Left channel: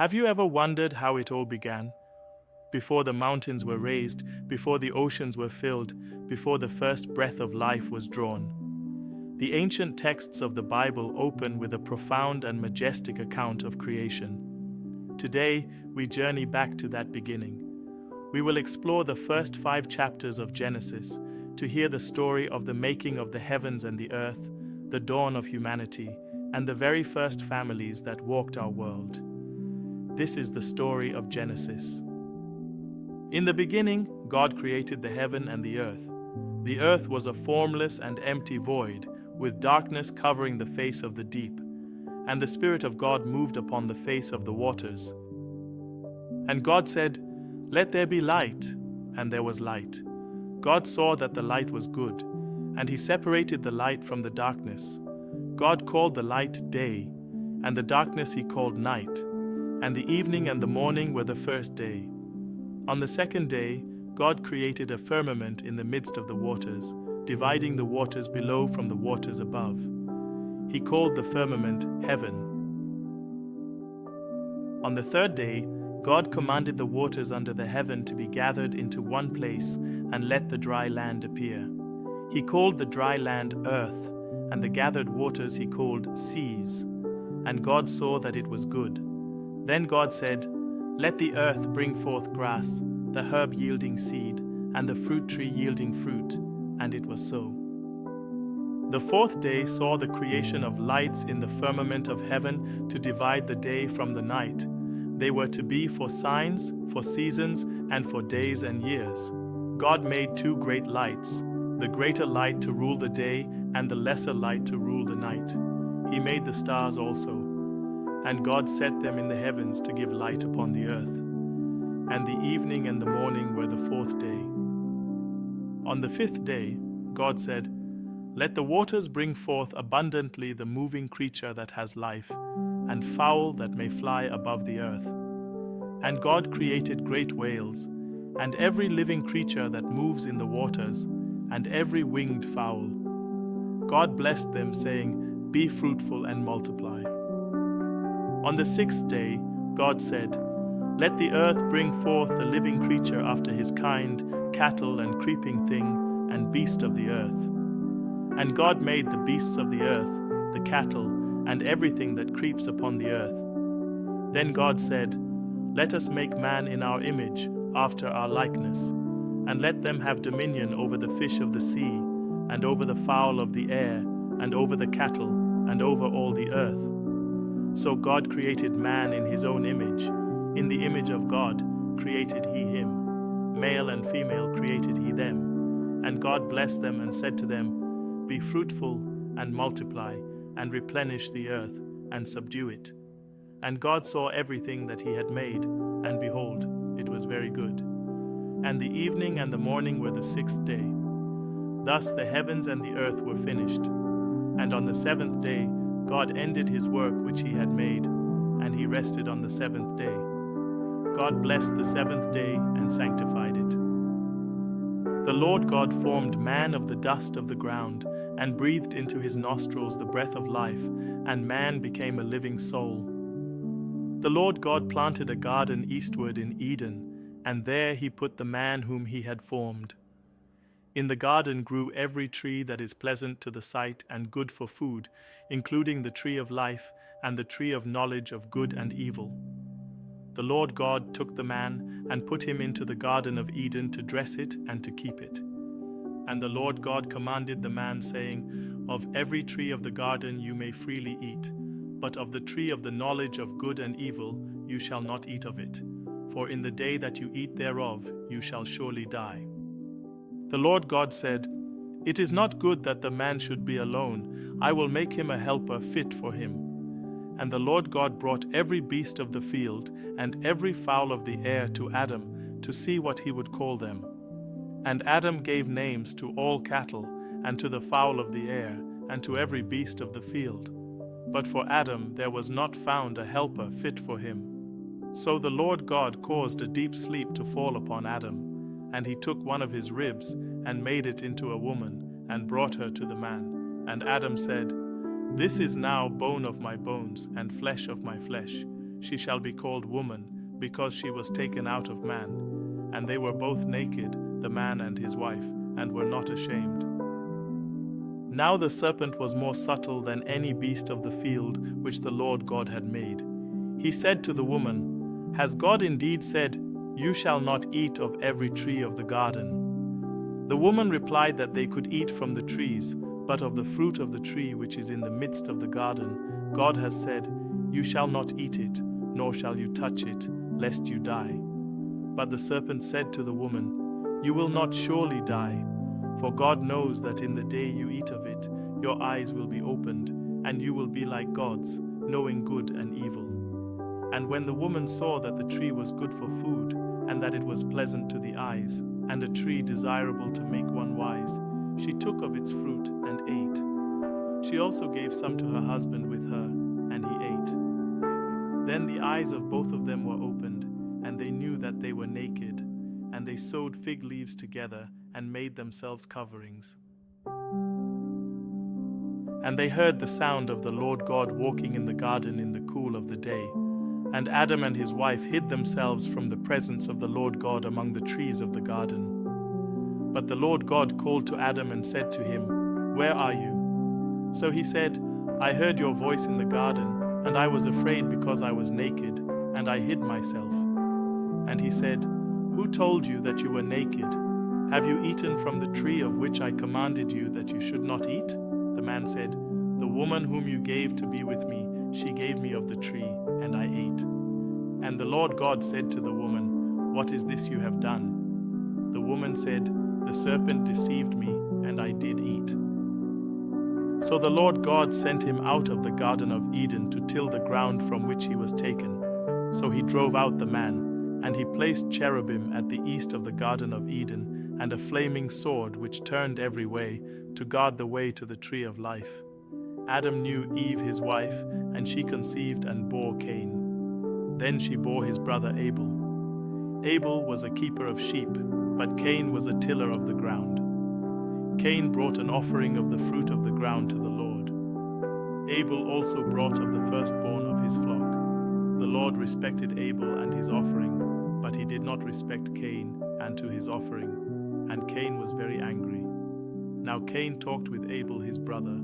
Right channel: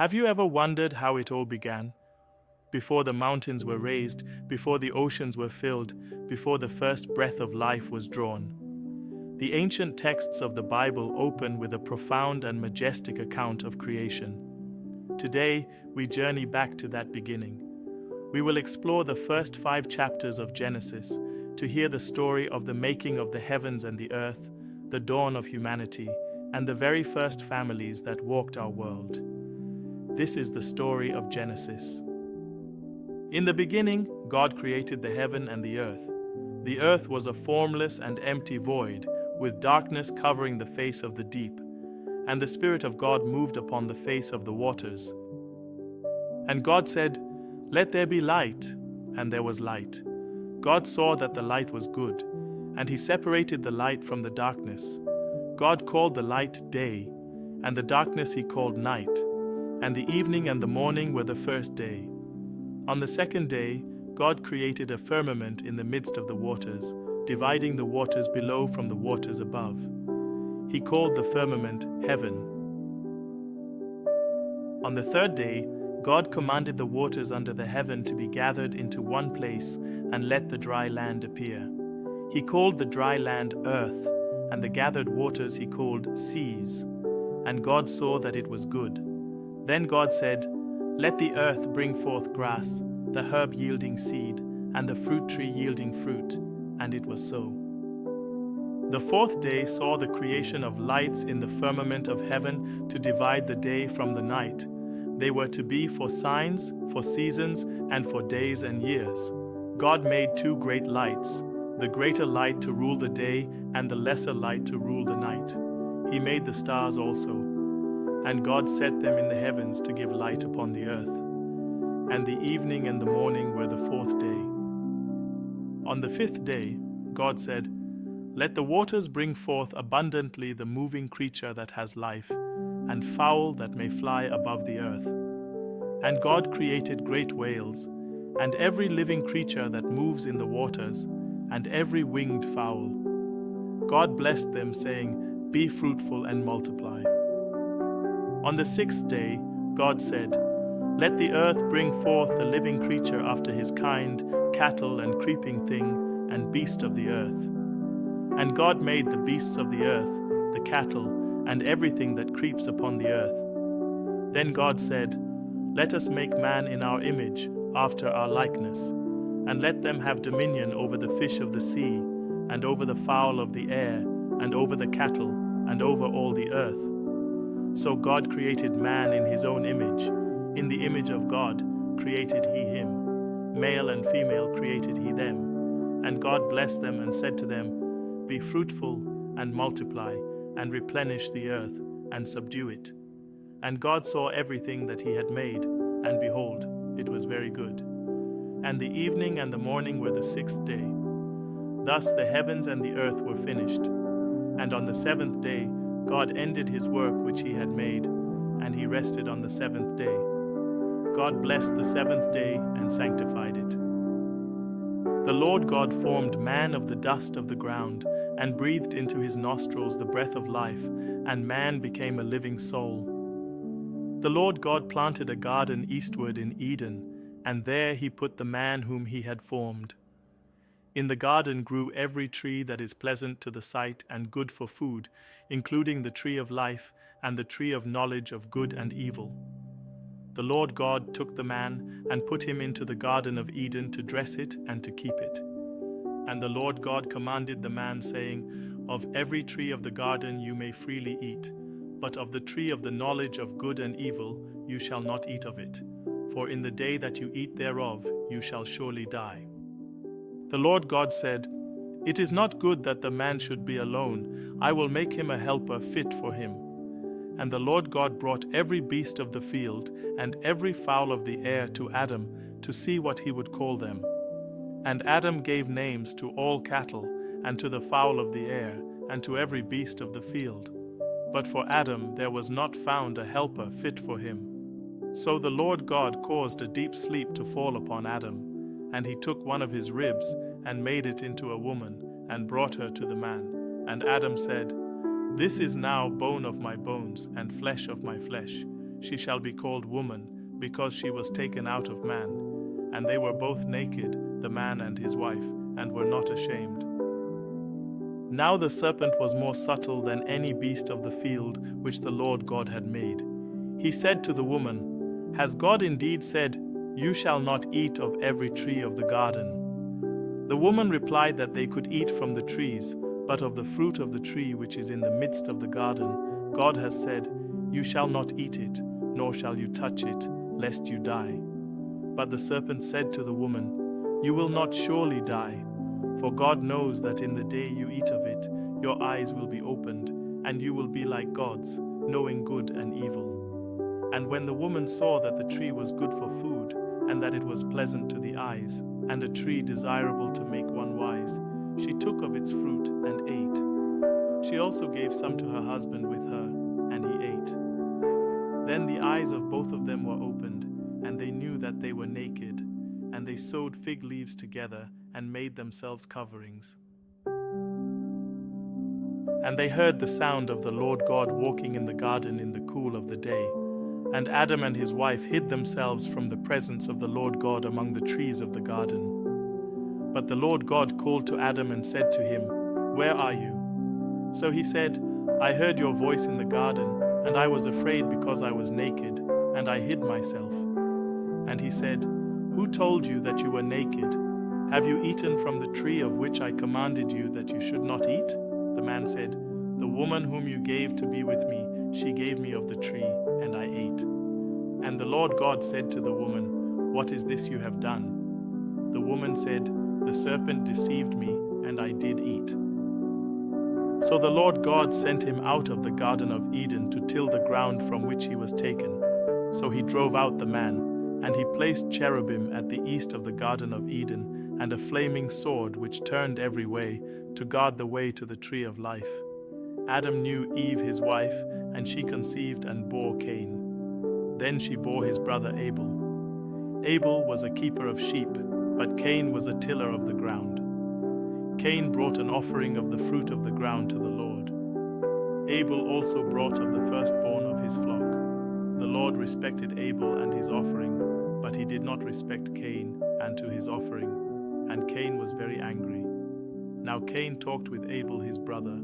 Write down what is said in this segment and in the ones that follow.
Have you ever wondered how it all began? Before the mountains were raised, before the oceans were filled, before the first breath of life was drawn. The ancient texts of the Bible open with a profound and majestic account of creation. Today, we journey back to that beginning. We will explore the first 5 chapters of Genesis to hear the story of the making of the heavens and the earth, the dawn of humanity, and the very first families that walked our world. This is the story of Genesis. In the beginning, God created the heaven and the earth. The earth was a formless and empty void, with darkness covering the face of the deep, and the Spirit of God moved upon the face of the waters. And God said, "Let there be light," and there was light. God saw that the light was good, and He separated the light from the darkness. God called the light day, and the darkness He called night, and the evening and the morning were the first day. On the second day, God created a firmament in the midst of the waters, dividing the waters below from the waters above. He called the firmament heaven. On the third day, God commanded the waters under the heaven to be gathered into one place and let the dry land appear. He called the dry land earth, and the gathered waters He called seas. And God saw that it was good. Then God said, "Let the earth bring forth grass, the herb yielding seed, and the fruit tree yielding fruit." And it was so. The fourth day saw the creation of lights in the firmament of heaven to divide the day from the night. They were to be for signs, for seasons, and for days and years. God made 2 great lights, the greater light to rule the day and the lesser light to rule the night. He made the stars also. And God set them in the heavens to give light upon the earth. And the evening and the morning were the 4th day. On the 5th day, God said, "Let the waters bring forth abundantly the moving creature that has life, and fowl that may fly above the earth." And God created great whales, and every living creature that moves in the waters, and every winged fowl. God blessed them, saying, "Be fruitful and multiply." On the 6th day, God said, "Let the earth bring forth a living creature after his kind, cattle and creeping thing, and beast of the earth." And God made the beasts of the earth, the cattle, and everything that creeps upon the earth. Then God said, "Let us make man in our image, after our likeness, and let them have dominion over the fish of the sea, and over the fowl of the air, and over the cattle, and over all the earth." So God created man in His own image. In the image of God created He him. Male and female created He them. And God blessed them and said to them, "Be fruitful and multiply, and replenish the earth, and subdue it." And God saw everything that He had made, and behold, it was very good. And the evening and the morning were the 6th day. Thus the heavens and the earth were finished. And on the 7th day God ended His work which He had made, and He rested on the 7th day. God blessed the 7th day and sanctified it. The Lord God formed man of the dust of the ground, and breathed into his nostrils the breath of life, and man became a living soul. The Lord God planted a garden eastward in Eden, and there He put the man whom He had formed. In the garden grew every tree that is pleasant to the sight and good for food, including the tree of life and the tree of knowledge of good and evil. The Lord God took the man and put him into the garden of Eden to dress it and to keep it. And the Lord God commanded the man, saying, "Of every tree of the garden you may freely eat, but of the tree of the knowledge of good and evil you shall not eat of it, for in the day that you eat thereof you shall surely die." The Lord God said, "It is not good that the man should be alone. I will make him a helper fit for him." And the Lord God brought every beast of the field and every fowl of the air to Adam to see what he would call them. And Adam gave names to all cattle, and to the fowl of the air, and to every beast of the field. But for Adam there was not found a helper fit for him. So the Lord God caused a deep sleep to fall upon Adam, and He took one of his ribs and made it into a woman, and brought her to the man. And Adam said, "This is now bone of my bones and flesh of my flesh. she shall be called woman, because she was taken out of man. And they were both naked, the man and his wife, and were not ashamed. Now the serpent was more subtle than any beast of the field which the Lord God had made. He said to the woman, Has God indeed said, You shall not eat of every tree of the garden? The woman replied that they could eat from the trees, but of the fruit of the tree which is in the midst of the garden, God has said, You shall not eat it, nor shall you touch it, lest you die. But the serpent said to the woman, You will not surely die, for God knows that in the day you eat of it, your eyes will be opened, and you will be like gods, knowing good and evil. And when the woman saw that the tree was good for food, and that it was pleasant to the eyes, and a tree desirable to make one wise, she took of its fruit and ate. She also gave some to her husband with her, and he ate. Then the eyes of both of them were opened, and they knew that they were naked, and they sewed fig leaves together and made themselves coverings. And they heard the sound of the Lord God walking in the garden in the cool of the day. And Adam and his wife hid themselves from the presence of the Lord God among the trees of the garden. But the Lord God called to Adam and said to him, Where are you? So he said, I heard your voice in the garden, and I was afraid because I was naked, and I hid myself. And he said, Who told you that you were naked? Have you eaten from the tree of which I commanded you that you should not eat? The man said, The woman whom you gave to be with me, she gave me of the tree, and I ate. And the Lord God said to the woman, What is this you have done? The woman said, The serpent deceived me, and I did eat. So the Lord God sent him out of the Garden of Eden to till the ground from which he was taken. So he drove out the man, and he placed cherubim at the east of the Garden of Eden, and a flaming sword which turned every way, to guard the way to the tree of life. Adam knew Eve his wife, and she conceived and bore Cain. Then she bore his brother Abel. Abel was a keeper of sheep, but Cain was a tiller of the ground. Cain brought an offering of the fruit of the ground to the Lord. Abel also brought of the firstborn of his flock. The Lord respected Abel and his offering, but he did not respect Cain and to his offering, and Cain was very angry. Now Cain talked with Abel his brother,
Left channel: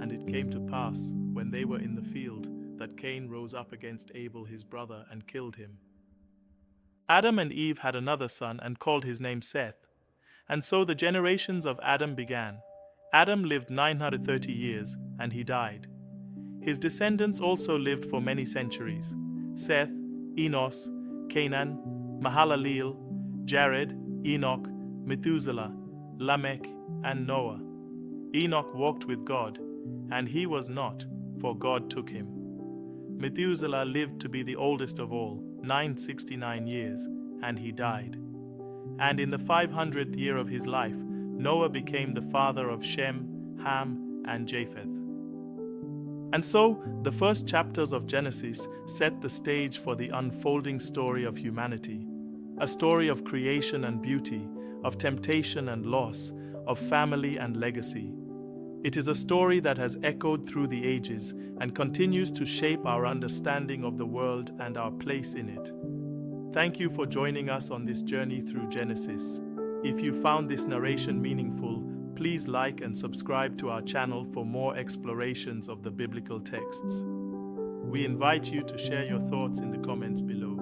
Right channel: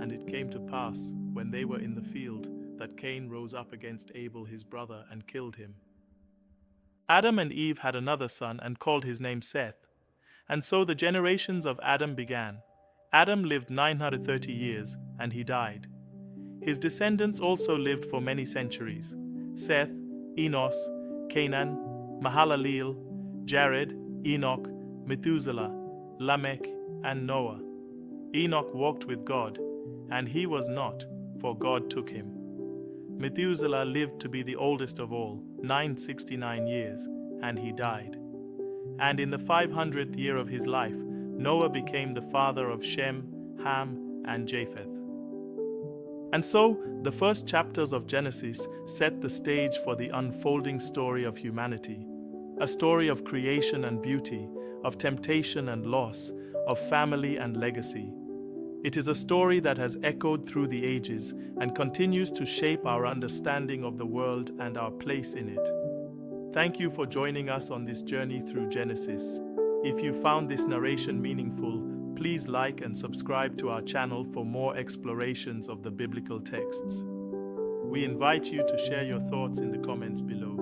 and it came to pass, when they were in the field, that Cain rose up against Abel his brother and killed him. Adam and Eve had another son and called his name Seth. And so the generations of Adam began. Adam lived 930 years, and he died. His descendants also lived for many centuries: Seth, Enos, Canaan, Mahalaleel, Jared, Enoch, Methuselah, Lamech, and Noah. Enoch walked with God, and he was not, for God took him. Methuselah lived to be the oldest of all, 969 years, and he died. And in the 500th year of his life, Noah became the father of Shem, Ham, and Japheth. And so, the first chapters of Genesis set the stage for the unfolding story of humanity, a story of creation and beauty, of temptation and loss, of family and legacy. It is a story that has echoed through the ages and continues to shape our understanding of the world and our place in it. Thank you for joining us on this journey through Genesis. If you found this narration meaningful, please like and subscribe to our channel for more explorations of the biblical texts. We invite you to share your thoughts in the comments below.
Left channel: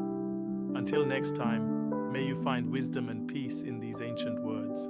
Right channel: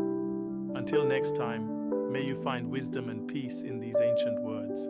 Until next time, may you find wisdom and peace in these ancient words.